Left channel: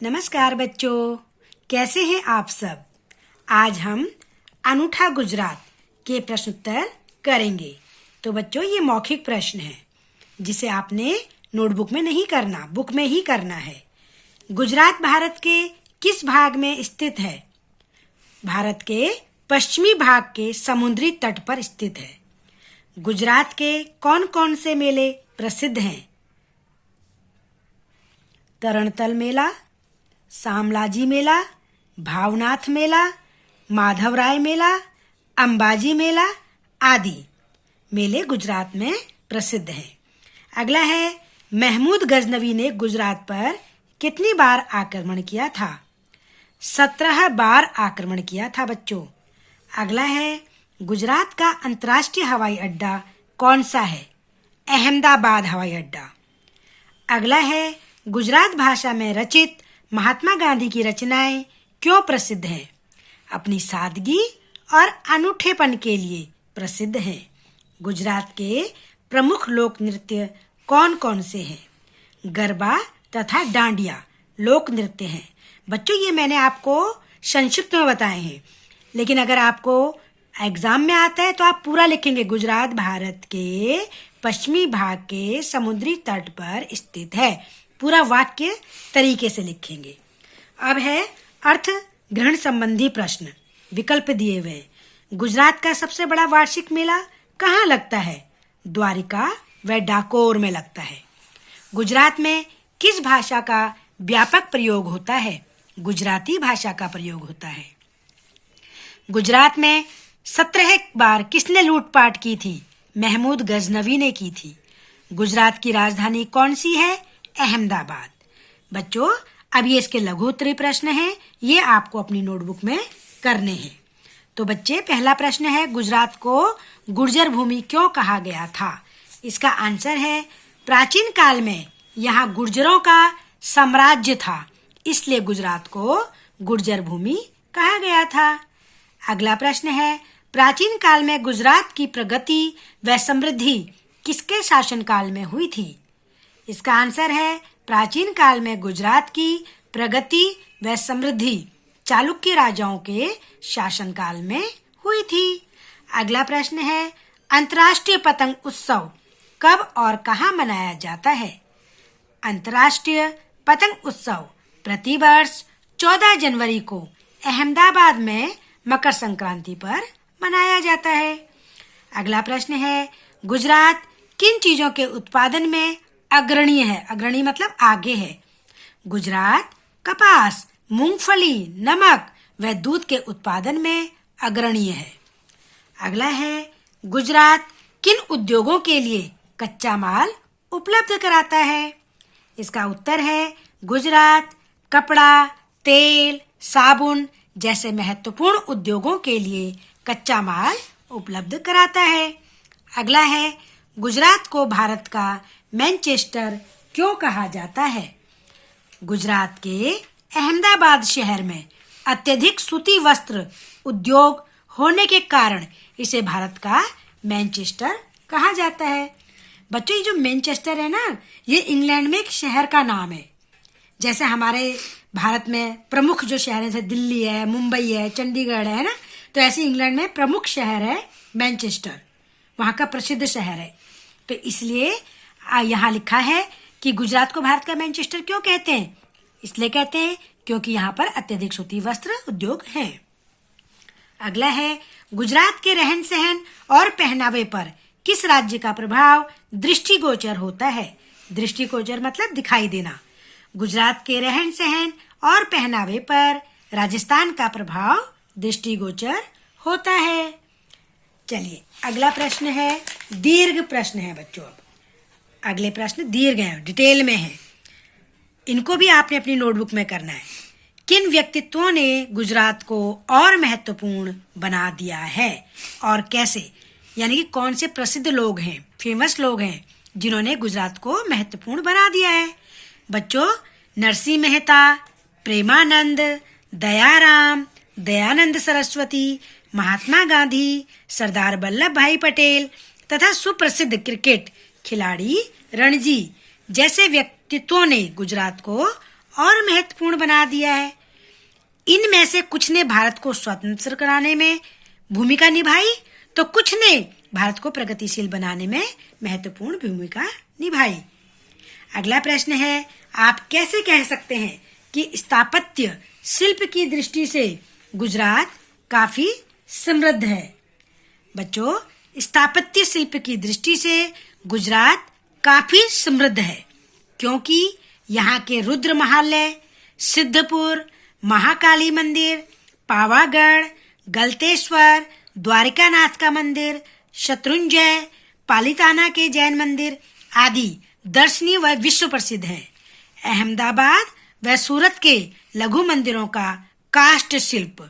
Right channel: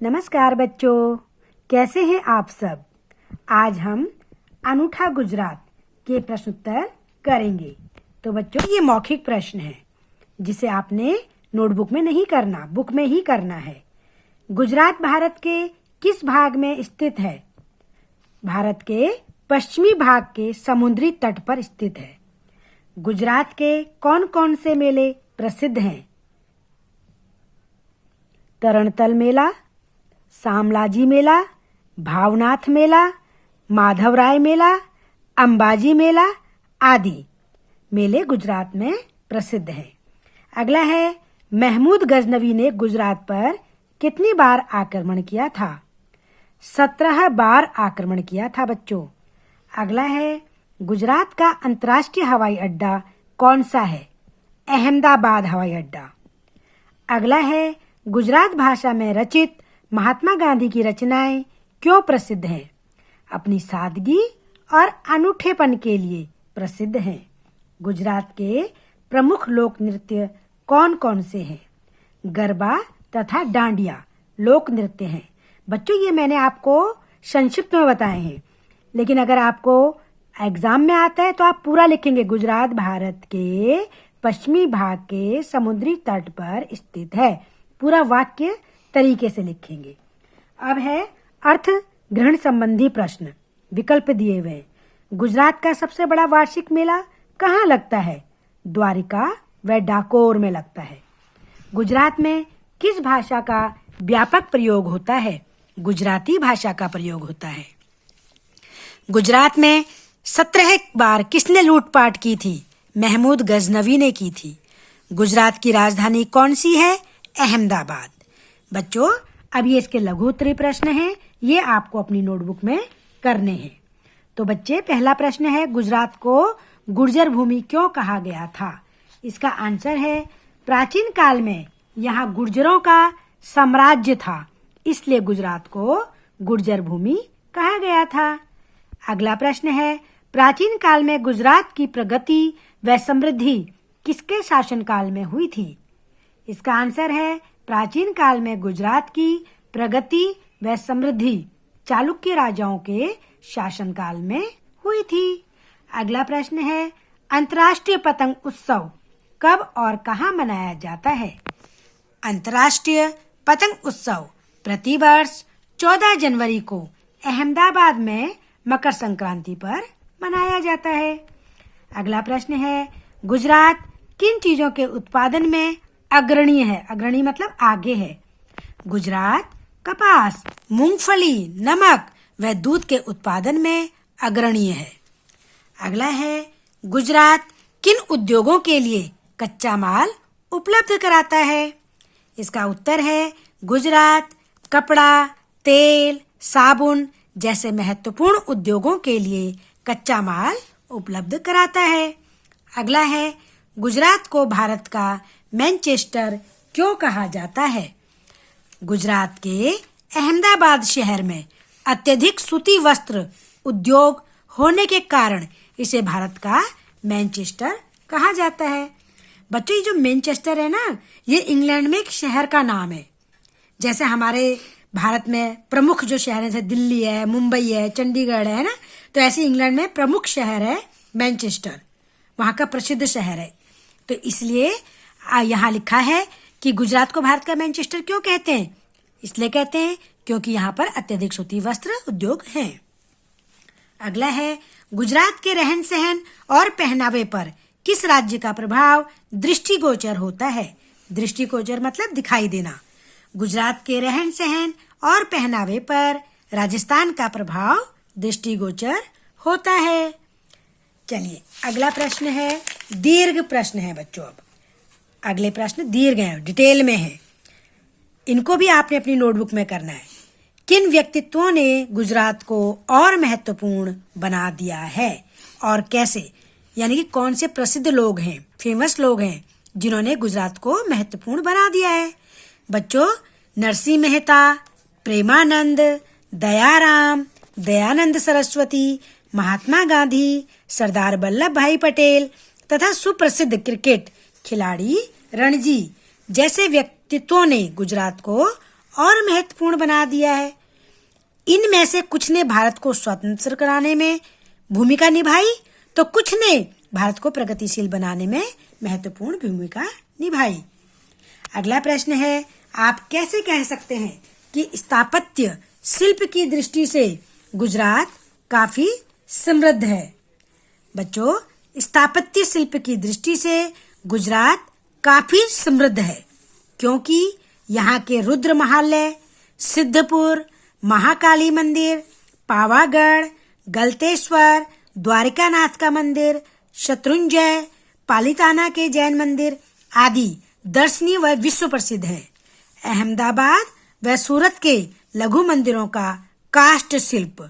नमस्कार बच्चों, कैसे हैं आप सब। आज हम अनूठा गुजरात के प्रश्न उत्तर करेंगे। तो बच्चों, ये मौखिक प्रश्न है जिसे आपने नोटबुक में नहीं करना, बुक में ही करना है। गुजरात भारत के किस भाग में स्थित है? भारत के पश्चिमी भाग के समुद्री तट पर स्थित है। गुजरात के कौन कौन से मेले प्रसिद्ध हैं? तरणतल मेला, शामलाजी मेला, भावनाथ मेला, माधवराय मेला, अंबाजी मेला आदि मेले गुजरात में प्रसिद्ध हैं। अगला है, महमूद गजनवी ने गुजरात पर कितनी बार आक्रमण किया था? 17 बार आक्रमण किया था बच्चों। अगला है, गुजरात का अंतर्राष्ट्रीय हवाई अड्डा कौन सा है? अहमदाबाद हवाई अड्डा। अगला है, गुजरात भाषा में रचित महात्मा गांधी की रचनाएं क्यों प्रसिद्ध हैं? अपनी सादगी और अनूठेपन के लिए प्रसिद्ध हैं। गुजरात के प्रमुख लोक नृत्य कौन कौन से हैं? गरबा तथा डांडिया लोक नृत्य हैं। बच्चों, ये मैंने आपको संक्षिप्त में बताए हैं, लेकिन अगर आपको एग्जाम में आता है तो आप पूरा लिखेंगे। गुजरात भारत के पश्चिमी भाग के समुद्री तट पर स्थित है। पूरा वाक्य तरीके से लिखेंगे। अब है अर्थ ग्रहण संबंधी प्रश्न, विकल्प दिए हुए। गुजरात का सबसे बड़ा वार्षिक मेला कहाँ लगता है? द्वारिका व डाकोर में लगता है। गुजरात में किस भाषा का व्यापक प्रयोग होता है? गुजराती भाषा का प्रयोग होता है। गुजरात में 17 बार किसने लूटपाट की थी? महमूद गजनवी ने की थी। गुजरात की राजधानी कौन सी है? अहमदाबाद। बच्चों, अब ये इसके लघु उत्तरीय प्रश्न हैं, ये आपको अपनी नोटबुक में करने हैं। तो बच्चे, पहला प्रश्न है, गुजरात को गुर्जर भूमि क्यों कहा गया था? इसका आंसर है, प्राचीन काल में यहाँ गुर्जरों का साम्राज्य था, इसलिए गुजरात को गुर्जर भूमि कहा गया था। अगला प्रश्न है, प्राचीन काल में गुजरात की प्रगति व समृद्धि किसके शासनकाल में हुई थी? इसका आंसर है, प्राचीन काल में गुजरात की प्रगति व समृद्धि चालुक्य राजाओं के शासनकाल में हुई थी। अगला प्रश्न है, अंतर्राष्ट्रीय पतंग उत्सव कब और कहाँ मनाया जाता है? अंतर्राष्ट्रीय पतंग उत्सव प्रतिवर्ष 14 जनवरी को अहमदाबाद में मकर संक्रांति पर मनाया जाता है। अगला प्रश्न है, गुजरात किन चीजों के उत्पादन में अग्रणी है? अग्रणी मतलब आगे है। गुजरात कपास, मूंगफली, नमक व दूध के उत्पादन में अग्रणी है। अगला है, गुजरात किन उद्योगों के लिए कच्चा माल उपलब्ध कराता है? इसका उत्तर है, गुजरात कपड़ा, तेल, साबुन जैसे महत्वपूर्ण उद्योगों के लिए कच्चा माल उपलब्ध कराता है। अगला है, गुजरात को भारत का मैनचेस्टर क्यों कहा जाता है? गुजरात के अहमदाबाद शहर में अत्यधिक सूती वस्त्र उद्योग होने के कारण इसे भारत का मैनचेस्टर कहा जाता है। बच्चों, ये जो मैनचेस्टर है ना, ये इंग्लैंड में एक शहर का नाम है। जैसे हमारे भारत में प्रमुख जो शहर है, जैसे दिल्ली है, मुंबई है, चंडीगढ़ है ना, तो ऐसे इंग्लैंड में प्रमुख शहर है मैनचेस्टर, वहाँ का प्रसिद्ध शहर है। तो इसलिए यहाँ लिखा है कि गुजरात को भारत का मैनचेस्टर क्यों कहते हैं? इसलिए कहते हैं क्योंकि यहाँ पर अत्यधिक सूती वस्त्र उद्योग है। अगला है, गुजरात के रहन सहन और पहनावे पर किस राज्य का प्रभाव दृष्टिगोचर होता है? दृष्टिगोचर मतलब दिखाई देना। गुजरात के रहन सहन और पहनावे पर राजस्थान का प्रभाव दृष्टिगोचर होता है। चलिए, अगला प्रश्न है, दीर्घ प्रश्न है बच्चों। अब अगले प्रश्न दीर्घ हैं, डिटेल में है, इनको भी आपने अपनी नोटबुक में करना है। किन व्यक्तित्वों ने गुजरात को और महत्वपूर्ण बना दिया है और कैसे? यानी कि कौन से प्रसिद्ध लोग हैं, फेमस लोग हैं जिन्होंने गुजरात को महत्वपूर्ण बना दिया है? बच्चों, नरसिंह मेहता, प्रेमानंद, दयाराम, दयानंद सरस्वती, महात्मा गांधी, सरदार वल्लभ भाई पटेल तथा सुप्रसिद्ध क्रिकेट खिलाड़ी रणजी जैसे व्यक्तित्वों ने गुजरात को और महत्वपूर्ण बना दिया है। इनमें से कुछ ने भारत को स्वतंत्र कराने में भूमिका निभाई तो कुछ ने भारत को प्रगतिशील बनाने में महत्वपूर्ण भूमिका निभाई। अगला प्रश्न है, आप कैसे कह सकते हैं कि स्थापत्य शिल्प की दृष्टि से गुजरात काफी समृद्ध है? बच्चों, स्थापत्य शिल्प की दृष्टि से गुजरात काफी समृद्ध है क्योंकि यहाँ के रुद्र महालय, सिद्धपुर, महाकाली मंदिर, पावागढ़, गलतेश्वर, द्वारिकानाथ का मंदिर, शत्रुंजय, पालिताना के जैन मंदिर आदि दर्शनीय व विश्व प्रसिद्ध है। अहमदाबाद व सूरत के लघु मंदिरों का काष्ठ शिल्प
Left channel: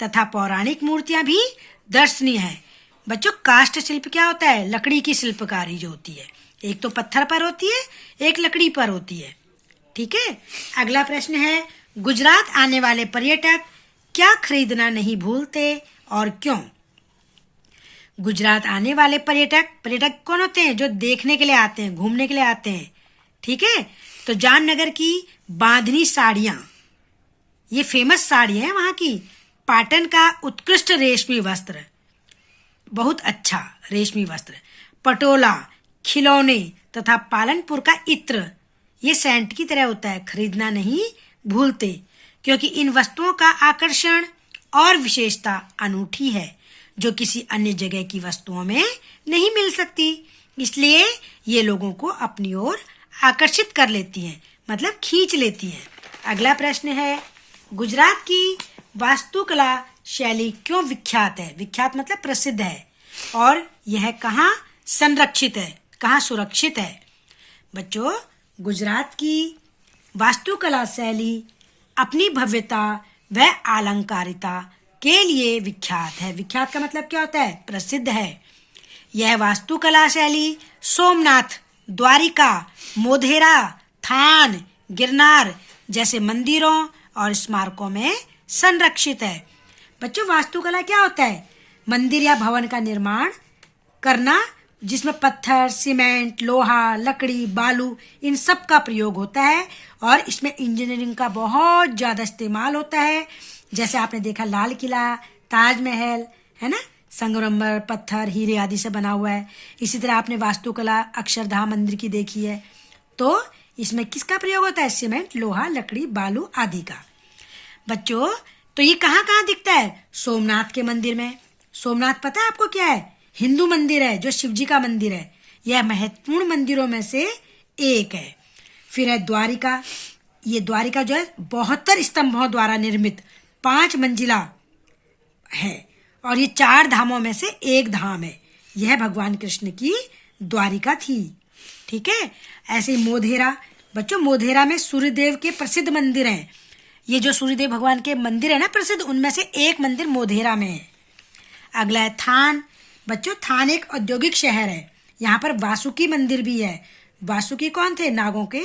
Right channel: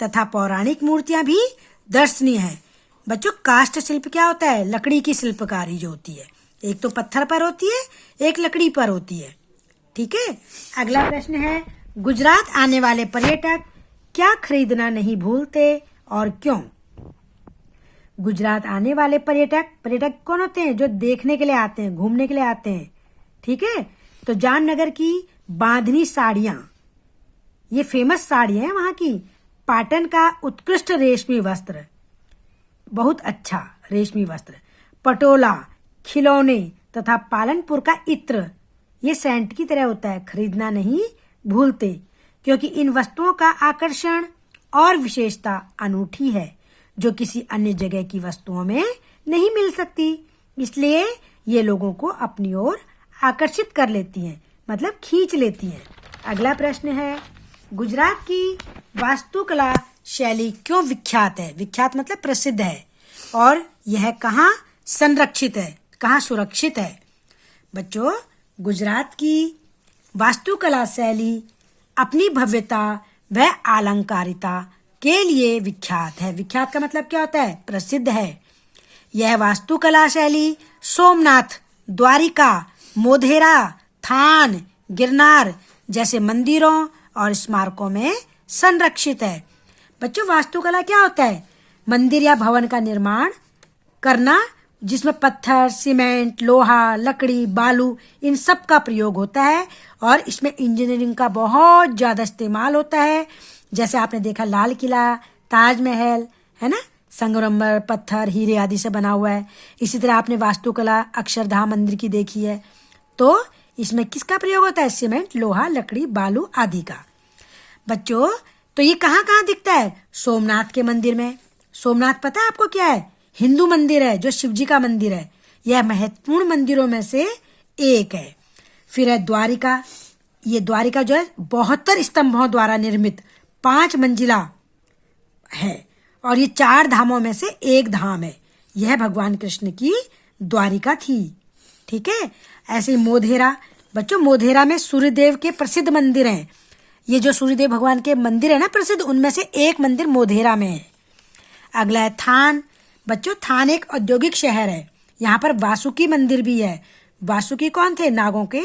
तथा पौराणिक मूर्तियां भी दर्शनीय है। बच्चों, काष्ठ शिल्प क्या होता है? लकड़ी की शिल्पकारी जो होती है, एक तो पत्थर पर होती है, एक लकड़ी पर होती है। ठीक है। अगला प्रश्न है, गुजरात आने वाले पर्यटक क्या खरीदना नहीं भूलते और क्यों? गुजरात आने वाले पर्यटक कौन होते हैं? जो देखने के लिए आते हैं, घूमने के लिए आते हैं। ठीक है। तो जामनगर की बांधनी साड़ियां, ये फेमस साड़ी है वहां की। पाटन का उत्कृष्ट रेशमी वस्त्र, बहुत अच्छा रेशमी वस्त्र। पटोला, खिलौने तथा पालनपुर का इत्र, ये सेंट की तरह होता है, खरीदना नहीं भूलते क्योंकि इन वस्तुओं का आकर्षण और विशेषता अनूठी है जो किसी अन्य जगह की वस्तुओं में नहीं मिल सकती। इसलिए ये लोगों को अपनी ओर आकर्षित कर लेती हैं, मतलब खींच लेती हैं। अगला प्रश्न है, गुजरात की वास्तुकला शैली क्यों विख्यात है? विख्यात मतलब प्रसिद्ध है। और यह कहाँ संरक्षित है, कहाँ सुरक्षित है? बच्चों, गुजरात की वास्तुकला शैली अपनी भव्यता व अलंकारिता के लिए विख्यात है। विख्यात का मतलब क्या होता है? प्रसिद्ध है। यह वास्तुकला शैली सोमनाथ, द्वारिका, मोधेरा, थान, गिरनार जैसे मंदिरों और स्मारकों में संरक्षित है। बच्चों, वास्तुकला क्या होता है? मंदिर या भवन का निर्माण करना जिसमें पत्थर, सीमेंट, लोहा, लकड़ी, बालू इन सब का प्रयोग होता है और इसमें इंजीनियरिंग का बहुत ज्यादा इस्तेमाल होता है। जैसे आपने देखा लाल किला, ताजमहल, है ना, संगमरमर, पत्थर, हीरे आदि से बना हुआ है। इसी तरह आपने वास्तुकला अक्षरधाम मंदिर की देखी है। तो इसमें किसका प्रयोग होता है? सीमेंट, लोहा, लकड़ी, बालू आदि का। बच्चों, तो ये कहाँ कहाँ दिखता है? सोमनाथ के मंदिर में। सोमनाथ पता है आपको क्या है? हिंदू मंदिर है, जो शिव जी का मंदिर है। यह महत्वपूर्ण मंदिरों में से एक है। फिर है द्वारिका। ये द्वारिका जो है 72 स्तंभों द्वारा निर्मित 5 मंजिला है और ये 4 धामों में से एक धाम है। यह भगवान कृष्ण की द्वारिका थी। ठीक है। ऐसे ही मोधेरा। बच्चों, मोधेरा में सूर्यदेव के प्रसिद्ध मंदिर हैं। ये जो सूर्यदेव भगवान के मंदिर है ना प्रसिद्ध, उनमें से एक मंदिर मोधेरा में है। अगला है थान। बच्चों, थान एक औद्योगिक शहर है। यहाँ पर वासुकी मंदिर भी है। वासुकी कौन थे? नागों के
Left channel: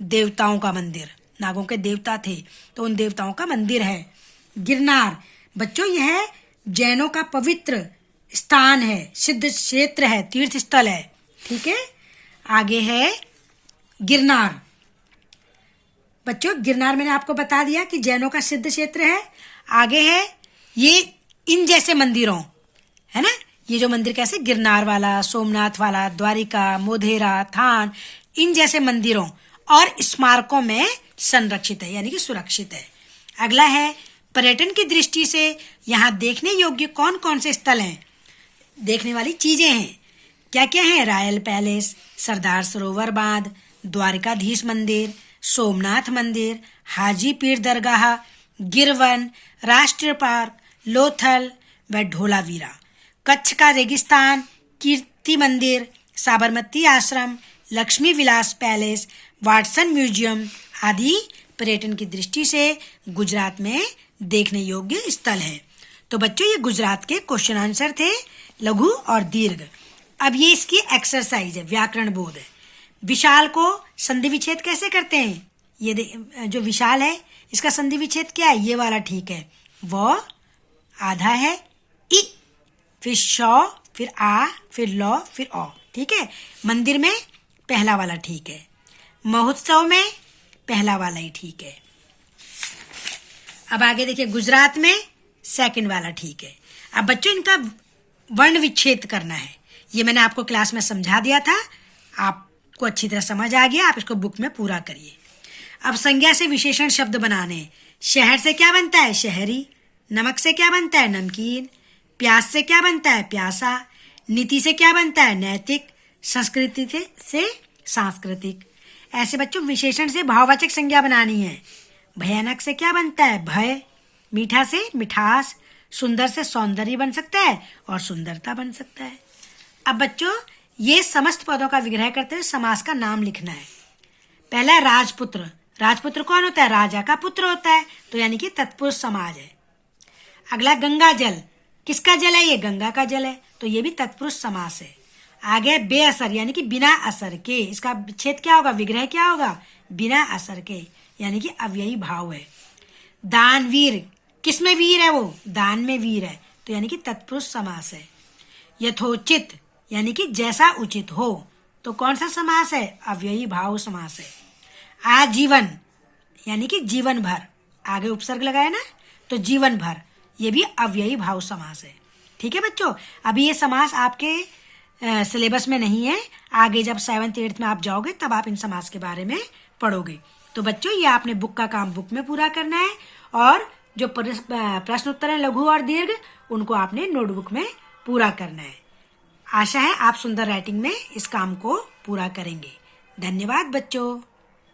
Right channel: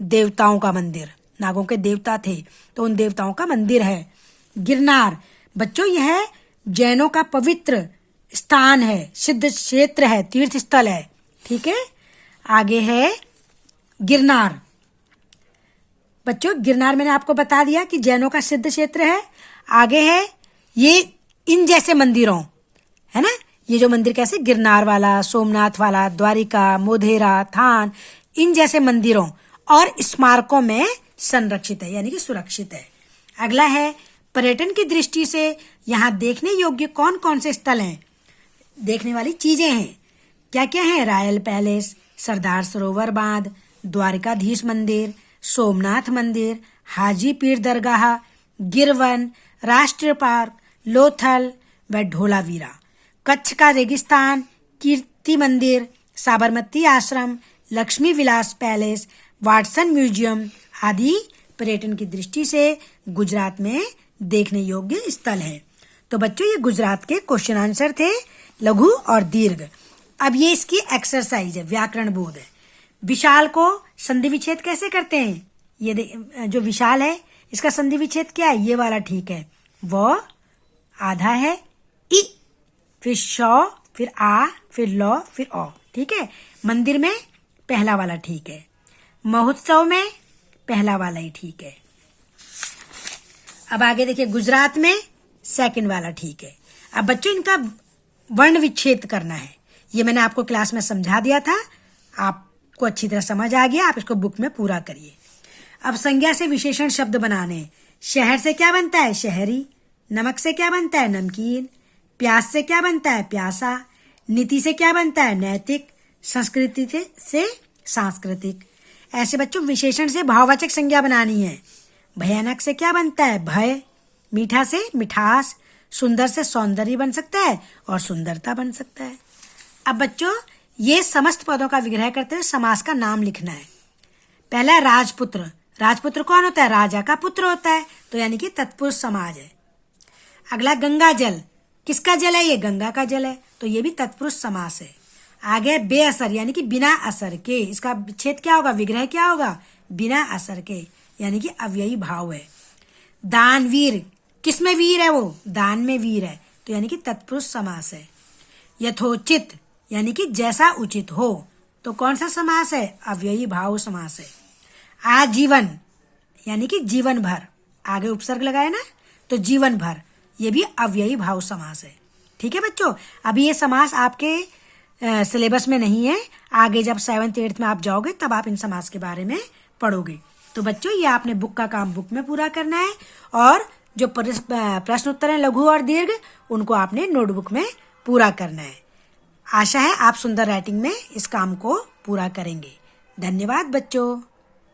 देवताओं का मंदिर। नागों के देवता थे, तो उन देवताओं का मंदिर है। गिरनार। बच्चों, यह जैनों का पवित्र स्थान है, सिद्ध क्षेत्र है, तीर्थ स्थल है। ठीक है। आगे है गिरनार। बच्चों, गिरनार मैंने आपको बता दिया कि जैनों का सिद्ध क्षेत्र है। आगे है ये इन जैसे मंदिरों, है ना, ये जो मंदिर कैसे, गिरनार वाला, सोमनाथ वाला, द्वारिका, मोधेरा, थान, इन जैसे मंदिरों और स्मारकों में संरक्षित है, यानी कि सुरक्षित है। अगला है पर्यटन की दृष्टि से यहाँ देखने योग्य कौन कौन से स्थल हैं? देखने वाली चीजें हैं। क्या क्या है? रॉयल पैलेस, सरदार सरोवर बांध, द्वारिकाधीश मंदिर, सोमनाथ मंदिर, हाजी पीर दरगाह, गिरवन, राष्ट्रीय पार्क, लोथल व ढोलावीरा, कच्छ का रेगिस्तान, कीर्ति मंदिर, साबरमती आश्रम, Lakshmi Vilas palace, Watson museum आदि पर्यटन की दृष्टि से गुजरात में देखने योग्य स्थल है। तो बच्चों, ये गुजरात के क्वेश्चन आंसर थे, लघु और दीर्घ। अब ये इसकी एक्सरसाइज है, व्याकरण बोध है। विशाल को संधि विच्छेद कैसे करते हैं? ये जो विशाल है इसका संधि विच्छेद क्या है? ये वाला ठीक है। वो आधा है, इ, फिर शौ, फिर आ, फिर लौ, फिर औ। ठीक है। मंदिर में पहला वाला ठीक है। महोत्सव में पहला वाला ही ठीक है। अब आगे देखिए, गुजरात में सेकंड वाला ठीक है। अब बच्चों इनका वर्ण विच्छेद करना है। ये मैंने आपको क्लास में समझा दिया था, आपको अच्छी तरह समझ आ गया। आप इसको बुक में पूरा करिए। अब संज्ञा से विशेषण शब्द बनाने हैं। शहर से क्या बनता है? शहरी। नमक से क्या बनता है? नमकीन। प्यास से क्या बनता है? प्यासा। नीति से क्या बनता है? नैतिक। संस्कृति से सांस्कृतिक। ऐसे बच्चों विशेषण से भाववाचक संज्ञा बनानी है। भयानक से क्या बनता है? भय। मीठा से मिठास। सुंदर से सौंदर्य बन सकता है और सुंदरता बन सकता है। अब बच्चों ये समस्त पदों का विग्रह करते हुए समास का नाम लिखना है। पहला है राजपुत्र। राजपुत्र कौन होता है? राजा का पुत्र होता है, तो यानी कि तत्पुरुष समाज है। अगला गंगा जल। किसका जल है? ये गंगा का जल है, तो ये भी तत्पुरुष समास है। आगे बेअसर यानी कि बिना असर के। इसका विच्छेद क्या होगा? विग्रह क्या होगा? बिना असर के, यानी कि अव्ययी भाव है। दानवीर। किसमें वीर है? वो दान में वीर है, तो यानी कि तत्पुरुष समास है। यथोचित यानी कि जैसा उचित हो, तो कौन सा समास है? अव्ययी भाव समास है। आजीवन यानी कि जीवन भर, आगे उपसर्ग लगाए ना, तो जीवन भर, ये भी अव्ययी भाव समास है। ठीक है बच्चों, अभी ये समास आपके सिलेबस में नहीं है। आगे जब 7th 8th में आप जाओगे तब आप इन समास के बारे में पढ़ोगे। तो बच्चों ये आपने बुक का काम बुक में पूरा करना है, और जो प्रश्न उत्तर है लघु और दीर्घ, उनको आपने नोटबुक में पूरा करना है। आशा है आप सुंदर राइटिंग में इस काम को पूरा करेंगे। धन्यवाद बच्चों।